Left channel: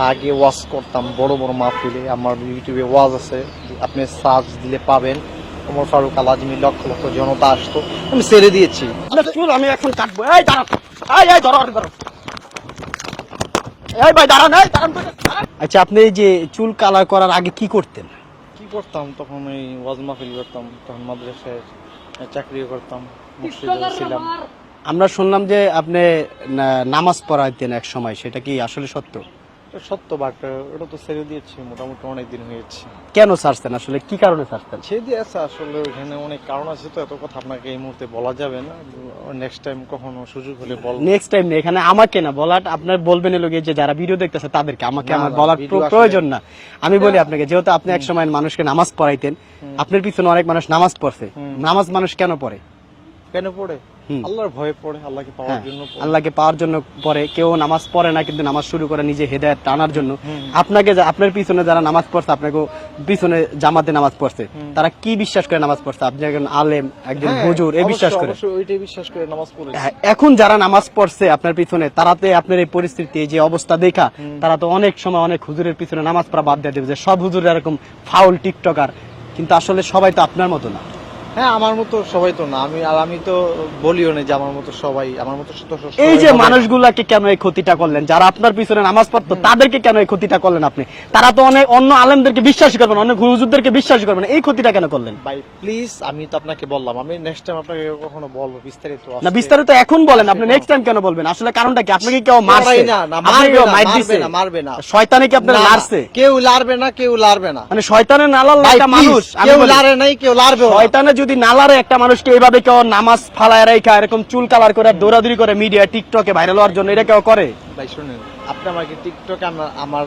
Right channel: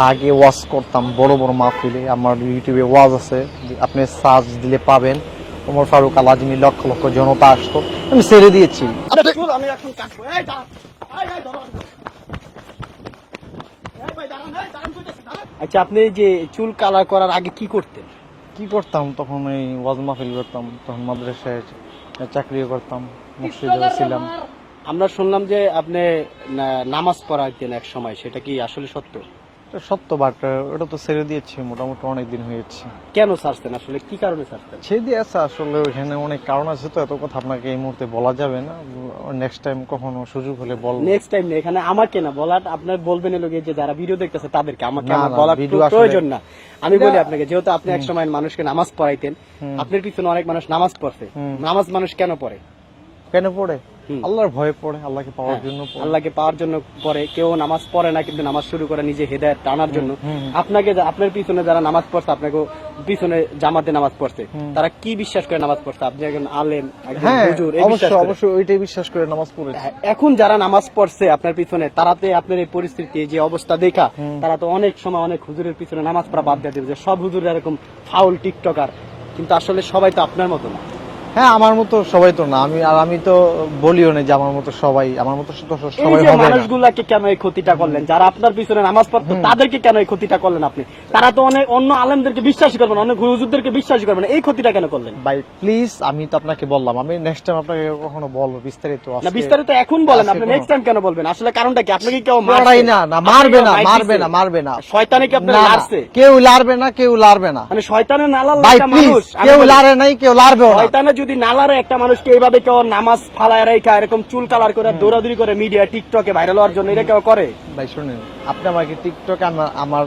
আগে ওয়াজ করতাম বড় বড় মাহফিলে, আমার ইউটিউবে ওয়াজ আছে, আপনি সার্চ দিলে পাবেন। ওমর ফারুক আল আজমি, লক্ষ লক্ষ জনতা আসতো, আমি ছেড়ে দিয়েছি। আমি এখন কাটবো। এই দাঁড়ান, এই ধরো ধরো। এই ভাই দাঁড়ান, এই দাঁড়ান। আচ্ছা, আপনি এই যে চুল কালার করার আগে কি করতেন? কি করতাম তখন? এই ওয়াজ মাহফিল করতাম, তখন মাদ্রাসায় চাকরি করতাম, মসজিদে ছিলাম। আমরা শুনলাম যে আপনি নামাজ পড়াইতেন এক সময়, সেটা কি আসলে সত্য? সত্য, বাট ওটা তো ছেড়ে দিয়েছি, মোটামুটি অনেক দিন হয়েছে। কেন ছাড়তেন, আসলে কি কারণে ছাড়তেন? ছেড়ে দিয়েছে আসলে, ওইখানে অনেক কারণ আছে, তো এত কথা আপনাকে এই মুহূর্তে বলা যাবে না। নেক্সট টাইম কখনো সুযোগ হলে বলবো। নেক্সট টাইম না, এখানে আমাকে না বলাটা, আপনার বলবেন লোকে যে যারা ভিডিও দেখতেছে তাদেরকে, আমাকে না, আমার না, বলার ভিডিও আসলে- প্রয়োজন না। আমি বলি আপনাকে, যেহেতু আপনি এক সময় মানুষকে নামাজ পড়াইতেন, আপনার পিছনে অনেক মানুষ নামাজ পড়ছে। নামাজ মানুষ কেন পড়ে? কেন পড়ে? আল্লাহর ভয়ে পড়ে, আল্লাহকে পাওয়ার জন্য পড়ে। আল্লাহকে পাওয়ার জন্য পড়ে। কেউ নামাজ পড়ে না, কিন্তু নামাজ শুরু করে নিজে হেদায়েত টানার জন্য। আপনাকে আপনার পিছনে যারা নামাজ পড়ছে, আপনাকে পিছনে জামাতে নামাজ পড়ছে, তারা কি বিশ্বাস করে নামাজ পড়ছে? আপনি একজন আলেম, একজন হ্যাঁ, হুজুর, এই বিশ্বাস করে। অবশ্যই ওইটাই বিশ্বাস করে নামাজ পড়ে। হ্যাঁ, এখন যারা নামাজ পড়ছে আপনার পিছনে, তারাতে আপনার এই পরিস্থিতি, এই যে অবস্থা দেখা, তারা তো অনেক সময় অনেক হুজুরের পিছনে নামাজ পড়া বাদ দিয়ে দেবে যে সব হুজুর এরকম ফাউল টিকটকার। কিন্তু আসলে সবাই তো আপনার মতো না। হ্যাঁ, আমার মতো সবাই তো না। আমি তো বলিও না যে আমার মতো সবাই, আমার মতো এই যে মানুষগুলাকে কেন এই ক্ষতিটা করলেন? যারা আপনার পিছনে নামাজ পড়তো তাদেরকে কেন এই ক্ষতিটা করলেন আপনি? তারা তো অনেক অন্য আলেমদেরকে বিশ্বাসই করবেন, অনেক হুজুরদেরকে বিশ্বাসই করবেন, এই ক্ষতিটা কেন করলেন? ভাই প্লিজ, আমি তো আপনাকে বললাম, আমি নেক্সট টাইম আপনাকে কখনো বলবো বিস্তারিত। না, বিস্তারিত এখন বলেন, আপনি নেক্সট টাইম কেন বলবেন? আসলে কারণটা কি? আপনাকে কেউ মারছে? না না, মারবে না, মারবে না, মারবে না। শয়তানে কি আপনারা মারছে? কেউ লারবে না, কেউ লারবে না। মানে শয়তানে না লারলে ভাই একটা প্লিজ, মানুষ, আমি কেউ বলি, লারে নাই, কেউ লারবে না। শয়তানে যদি না লারে একটা মানুষকে এইভাবে কেউ নামাজ ফালায় রাখা, এরকম চুল কালার করে দৌড়াদৌড়ি করে মিডিয়া টিকটকে ভাইরাল হওয়ার জন্য, এটা কেউ করে? ভাই শুনেন, আপনি আমাকে টিকটকে আমার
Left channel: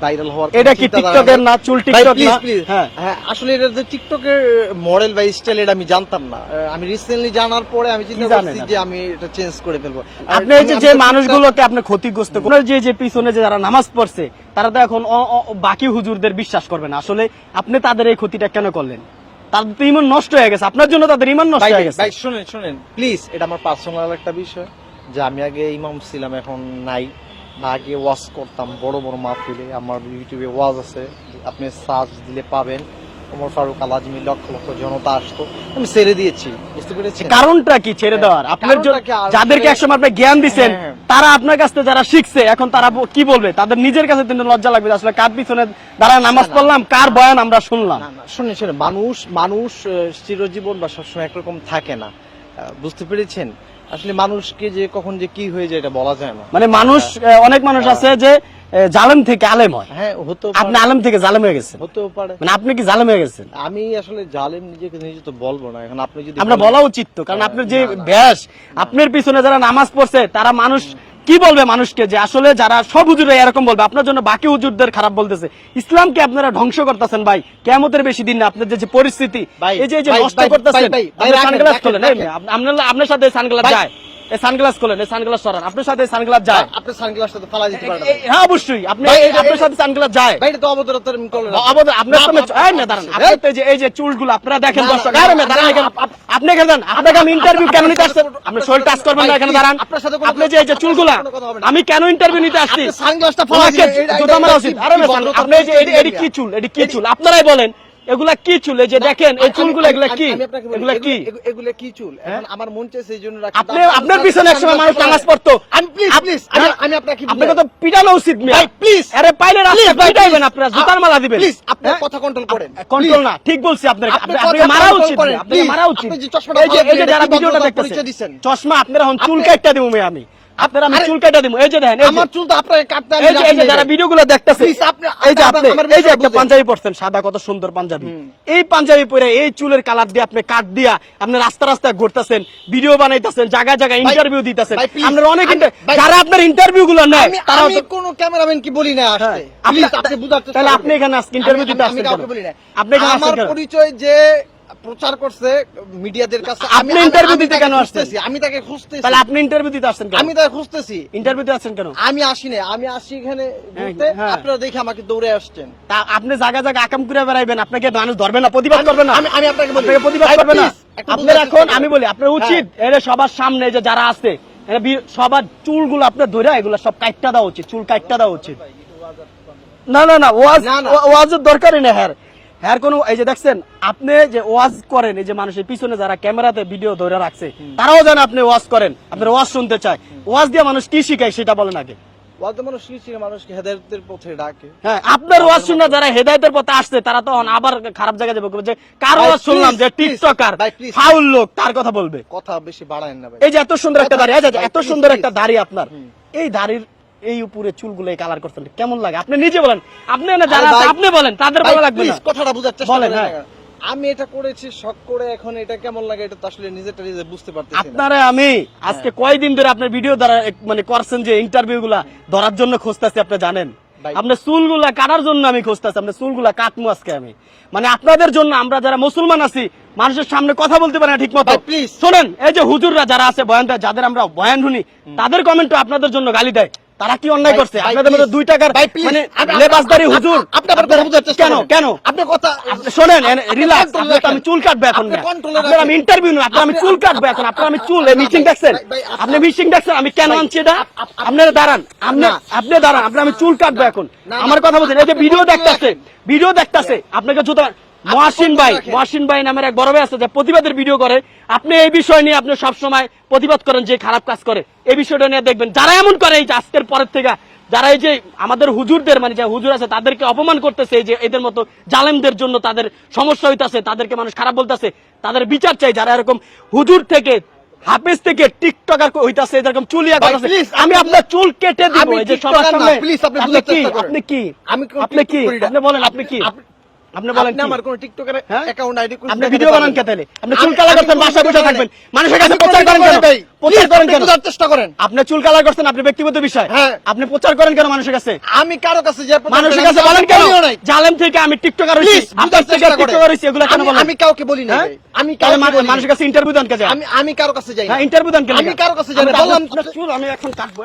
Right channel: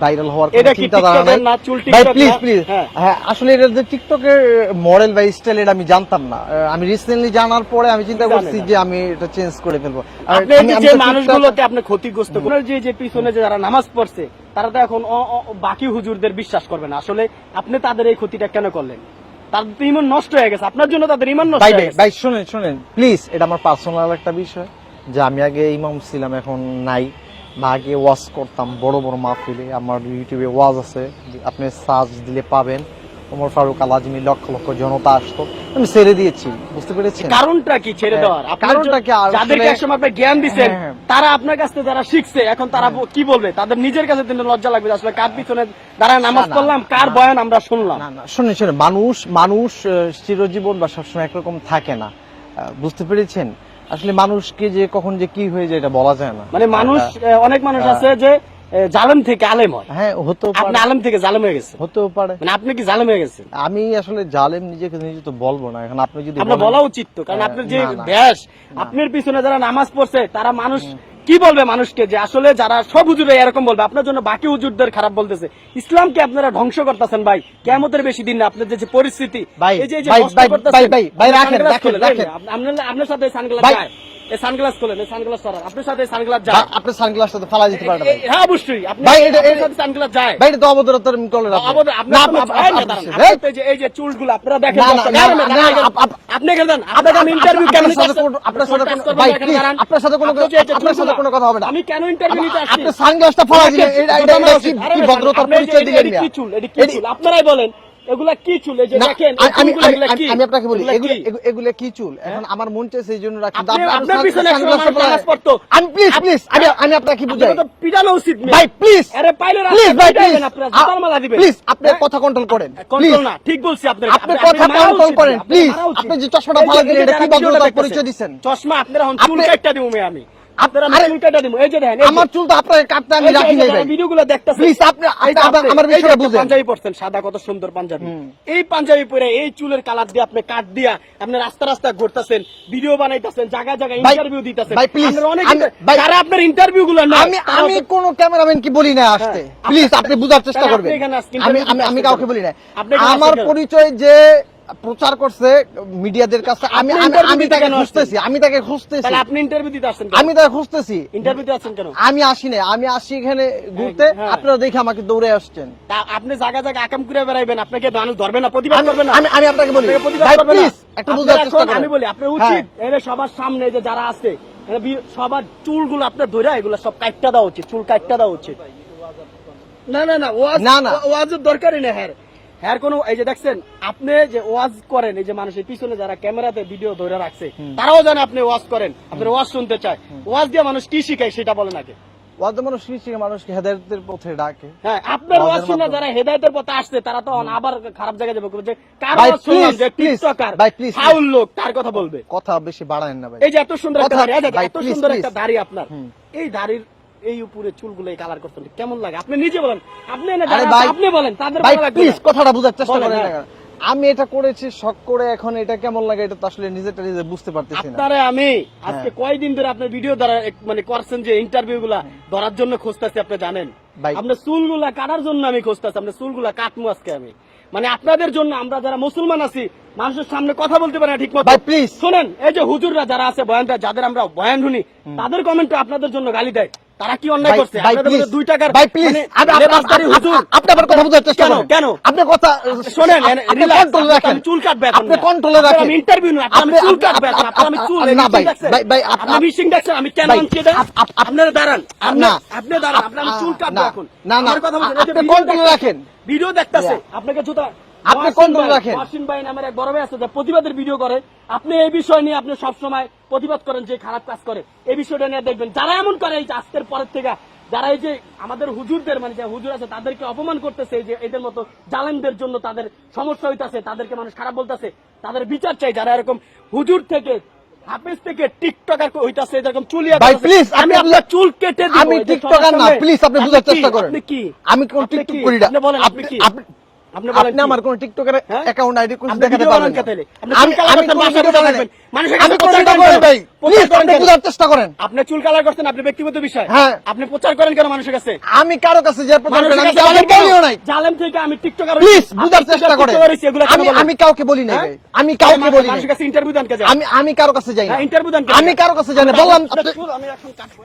ভাইরাল হওয়ার এটা কি টিকটকের না? চুল টিকটক প্লিজ না? প্লিজ। হ্যাঁ, আসলে এটা যে টিকটকের মডেল বা স্টাইল, এটা আমি জানতাম না। আমি রিসেন্টলি জানার পরে আমি চিন্তা করছি যে আমি এটা চেঞ্জ করে ফেলবো। আপনি এই যে মানুষগুলোতে আপনি ক্ষতিগ্রস্ত করেন, যে পিছনে যে যারা নামাজ পড়ছে, তারা তো এখন বাকি হুজুরদের বিশ্বাস করবে না। আসলে আপনি তাদের এই ক্ষতিটা কেন করলেন? তাদের তো ইমান নষ্ট হয়ে গেছে, আপনার জন্য তাদের ইমান নষ্ট হয়ে গেছে। ভাই শুনেন প্লিজ, এটা আমার পার্সোনাল একটা বিষয়, যে আমি আগে ইমাম ছিলাম, এখন নাই। আগে ওয়াজ করতাম বড় বড় মাহফিলে, আমার ইউটিউবে ওয়াজ আছে, আপনি সার্চ দিলে পাবেন। ওমর ফারুক আল আজমি, লক্ষ লক্ষ জনতা আসতো, আমি ছেড়ে দিয়েছি। বুঝতে পেরেছেন কারণটা কি ছেড়ে দেওয়ার? আপনার যাদেরকে একসময় আপনি জ্ঞান দিচ্ছেন, তারা আপনার কাছ থেকে যারা শিখছে, এখন তারা কি বলবে? তাদের নিজের কাছে কিন্তু লজ্জা লাগবে, আসলে কার পিছনে দাঁড়ায় নামাজ পড়লাম, কার বয়ান আমরা শুনলাম। শুনে মানুষ চিরজীবন বা সবসময় একরকম থাকে না। বুঝতে পেরেছেন? আসলে মানুষকে যে কখন যে কি হয়ে যায় এটা বলা যায় না। মানে মানুষ, অনেক মানুষ আছে যে জালেম থেকে আলেম হয়। হ্যাঁ, হতে আপনি পারে, আলেম থেকে জালেম হয়ে গেছেন। হতেও পারে। মানে আপনি কি জালেম হয়ে গেছেন? আমি আসলে জালেম নিজে তো বলবো না। এখন আপনি যদি আমরা বলেন- বলা উচিত তো, কারণ আপনার যে না, না। ব্যাস, আপনার পিছনে যারা নামাজ পড়ছে, তারা মানুষ কি বলবে মানুষকে? যে আসলে যারা সব হুজুরা এরকম বলবে, আপনার জন্য বাকি হুজুরদের খারাপ বলতেছে। ইসলামকে আপনারা ধ্বংস করতেছেন ভাই। কিয়ামতের বেশি দিন না, আপনার যে পরিস্থিতি, ভাই, এই যে ভাই, কষ্ট ভাই, করতেছেন। ভাই, ভাই, আপনি রাখেন, সানগ্লাস রাখেন, খোলেন, রাখেন। আপনার সাথে সানগ্লাস ভাই, যায়, এই সানগ্লাস খোলেন, এই সানগ্লাস সরান, আপনার সাথে সানগ্লাস যায়। আপনার সানগ্লাসটা তো ফালা দিতে পারেন ভাই। হ্যাঁ অবশ্যই, আপনার সাথে সানগ্লাস যায়। ভাই, এটা তো অবদরতার করলেন আপনি। এই যে চুলগুলো আপনারা দেখেন, না, না, না, আপনি আপনাকে আমি ইন্টারভিউ কেন নিতে আসছি? আপনি শরীর টাচ করবেন না, এখানে দাঁড়ান। আপনার সাথে কোনো আপনি যে এই যে চুলগুলো, কোনো কথা হবে না। আমি কেন ইন্টারভিউ নিতে আসছি? আপনি সানগ্লাসটা ফালা এটা দিলেন, কি- এটা এটা আমার উচিত। আরে কি বেটা, ভদ্রতার আপনি এই যে পরিচয় দিলেন এটি না? কি চুল? এটি কি চুল? আপনারাই বলেন, এগুলা কি চুল? এই যে দেখেন, এই চুলগুলো এগুলা কি? আমি আপনাকে বলি, এগুলা কি? এগুলো কি চুল? এখন আমার মন চাইছে এই জন্য রাখি। আপনার পিছনে একসময় মানুষ নামাজ পড়তো। আমি প্লিজ আমি আপনাকে বুঝাই। আপনাকে তো পিটানো উচিত না ভাই প্লিজ, আরে পাইলে প্লিজ রাস্তা ভাই, পিটাইবেন, আপনারা জুতার মালা দিবেন। প্লিজ আপনি কথা কন্ট্রোল করেন। কন্ট্রোল না, ঠিক বলছি আপনার, আপনি আপনাকে কথা মারা control উচিত, করেন, আপনাকে please। মারা উচিত। আপনি যে চশমাটা এই যে ফালাচ্ছেন, যারা এটা ভিডিওটা ভদ্রতার দেখতেছেন, পরিচয় দিছেন। চশমা আপনারা এখন চুল কাটটা দিমু আমি, আপনারা আমি চুল কাটটা দিমু। এই যে দেখেন, আমার চুল তো আপনাকে কাটতে আমি এই রাখি যে নাই যারা ভাই। ভিডিওগুলো দেখতেছেন, Please, আপনি এই যে আপনি আমার এই যে বিষয়টা একটা বুঝেন। পাঞ্জাবি পরছেন, সাদা কত সুন্দর পাঞ্জাবি, এই পাঞ্জাবি পরে এই চুলের কালার দিয়ে আপনি কাট দিয়া আপনি রাস্তা রাস্তা ঘুরতেছেন, ভিডিও বানাইতেছেন, জায়গায় জায়গায় ভাই, ইন্টারভিউ দিতেছেন। ভাই, please, আপনারা অনেক ভাই, যারা আপনার ইন্টারভিউ গুলো নয়, তারা আমি কোন ক্যামেরাম্যান কি বলি না আসতে। প্লিজ আপনি বুঝার চেষ্টা তাহলে করবেন। আপনি এখানে আজকে ইন্টারভিউ দিতে আমি আসছেন কাউকে কেন? বলি না। আপনি এখানে আমার আসছেন কেন? পরিচয় যে প্রচার করছে মিডিয়াদের কাছে, আপনি interview দিতে কেন আসছেন? আমি তাকে খুঁজতেছি। তাহলে আপনি ইন্টারভিউ দিতে আসছেন কেন? আমি তাকে খুঁজতেছি। ইন্টারভিউ দিতে আসছেন কেন? আমি আসি না, আমি আসি এখানে ঘুরতে। হ্যাঁ। আপনারা দেখে আমাকে দৌড়ে আসছেন। তা আপনি জায়গা জায়গা আকাম করে বেড়াইবেন, আপনাকে মানুষ ধরবে না, প্রতিবাদ করবে না? আমি আপনাকে বলি, আপনাকে প্রতিবাদ ভাই, করবে না? please, একটু আপনার বুঝার এখন চেষ্টা করেন। আমি বলি, আপনার উচিত এর সবার সামনে যে যারা আছে, সবার চুলগুলো আপনার ধরে এগুলো সব কাটটা দেওয়া উচিত, চুল কাটটা দেওয়া উচিত। না না না না, না। ওয়াজের দরকারই না হ্যাঁ হ্যাঁ কোনো এই যে দেখছেন আপনি যে ওয়াজ করেন এই যে মানুষের পিছনে যারা ক্যামেরাতে ভিডিও ধরে রাখছে তারাও জানে আপনি ওয়াজ করেন আপনার ওয়াজ শুনতে চায় ওয়াজ দিয়ে মানুষ কি শিখায় সেটা বলেন আগে ওয়াজ মানুষ মানুষকে হেদায়েতের পথে ডাকে। হ্যাঁ আপনার ওয়াজ শুনে যারা হেদায়েতের পথে আসছে তারা তখন আবার খারাপ জায়গায় যাবে যে কার ভাই, ওয়াজ শুনলাম please, যে please, টিকটকার ভাই, please, ফাউল লোক তার কথা বলবে কথা বেশি বাড়ায়েন না ভাই। এই যে এত সুন্দর একটা দাড়ি এই যে ভাই, এত please, সুন্দর please। একটা দাড়ি আপনার এই দাড়ির এই উপরে চুলগুলো কালার করছেন কেমন লাগে আপনি নিজে বলেন আপনি না যারা আরে আছে, ভাই, আপনি বলেন তাদের ভাই ভালো লাগবে প্লিজ না। কথাটা বোঝার চেষ্টা বলেন, করেন। হ্যাঁ। আমি এটা করেছি শখ করে, এখন এটা কেমন লাগে এটা তো আসলে নিজেটা নিজে বুঝতে পারতেছি না। আপনারা আমি আজকে কয়দিন ধরে আপনার ভিডিও দ্বারা মানে করছেন যে ইন্টারভিউ গুলা ধরার জন্য খুঁজতেছি আপনি জানেন ভাই। আপনার চুলগুলা কাটার জন্য আমি খুঁজতেছি আপনার চুলগুলা কাটমু আজকে আমি মানে আপনাদের জন্য আমরা যারা মুসলমান আছি মানুষের সামনে কথা বলতে পারে না ঠিক মতো ভাই, please। শুনেন এই যে হুজুররা যারা আছে বয়ানটা যাদের আমরা বয়ান শুনি তাদের কমেন্ট আপনাদের জন্য গালি দেয় তারা কি অন্যায় ভাই, করছে ভাই, আপনাদের মধ্যে please। 2 টাকার ভাই, please। মানে লেবাসদারি হুজুর আপনি আমার কথা বোঝার চেষ্টা কেন করেন। কেন আপনি কথা শোনেন আপনি রিল্যাক্স control রাখেন। আমি চুল কাটবো এখন আপনি control-এ আপনার রাখেন। আমি ইন্টারভিউ না আপনার আমি আপনি- চুল কাটবো এখন আপনার আমি চুল না, মিটিং ভাই, দেখছেন ভাই, ভাই, আপনি মিটিং দেখছেন আমি কেন ভাই, আনছি এটা আপনারা দাঁড়ান না। আপনি দাঁড়ান আপনার আমি চুল কাটবো না, এখন না, না। আমার কথা বলছেন এই যে আপনি ভিডিও control দেখতেছেন রাখেন। ভিডিও দেখতেছে আপনাকে জুতা আপনি মহসিন control ভাই রাখেন। মহসিন ভাই নামের এক বড় ভাই আছে যে প্রতিবাদের ভিডিও করে আপনি এই বিষয় নিয়ে আপনি সব সময় প্রতিবাদ করেন যে খারাপ কাজ করে এই বিষয়টা নিয়ে দেখবেন যারা এমন করে এই যে আজকের পরের থেকে যারা এই যে আমাদের হুজুরদের মানে যে হুজুর আছে তাদেরকে অপমান করতেছে এই যে এদের মতো জালেমদের জন্য তাদের সমস্যা হইতাছে তাদেরকে মানুষ খারাপ বলতেছে তাদের বিচার চাই যারা এরকম হুজুর থেকে হাফেজ থেকে টিকটকার হইতাছে এরকম চুলিয়া ভাই, করতেছে। please, আমি আপনি- আপনার চুল কেটে দিব আমি এই যে টিকটকার সবার না, সামনে please, আপনি বোঝার চেষ্টা করেন। আপনি কি আমি কোনো আপনি কি টিকটক করি না। আপনি বলেন আপনি কি আপনি বলেন আপনি কি? আমার কোন টিকটকের হ্যাঁ? অ্যাকাউন্ট আইডি আপনি ভিডিও বানান কে তাহলে আপনি চুল কালার করতে বাসা বসে থাকবেন মানুষের কাছে আমি প্রচার করেন কেন ভাই প্রচার করেন কেন বোঝার চেষ্টা করেন। আপনি চুল কালার করছেন আপনি ব্যক্তিগত বিষয় হ্যাঁ। আপনি প্রচার করেন কেন মানুষের কাছে আমি কারো কাছে যে মানুষের আমি কাছে কাউকে বলেন কেন? বলিও নাই। জালেম থেকে আমি টিকটকার প্লিজ হইছি, বুঝার আপনার থেকে চেষ্টা করেন। টিকটকার হইছি, এগুলো কেন বলেন? আমি কাউকে বলি না হ্যাঁ? ভাই। আমি কাউকে বলি না। মানুষের কাছে ইন্টারভিউ দেন কে যায়? আমি কারো কাছে যাই না। হ্যাঁ, ইন্টারভিউ দেন কে আমি যায়? কারো কাছে যাই না। বললাম আপনার চুল আমি এখন কাটবো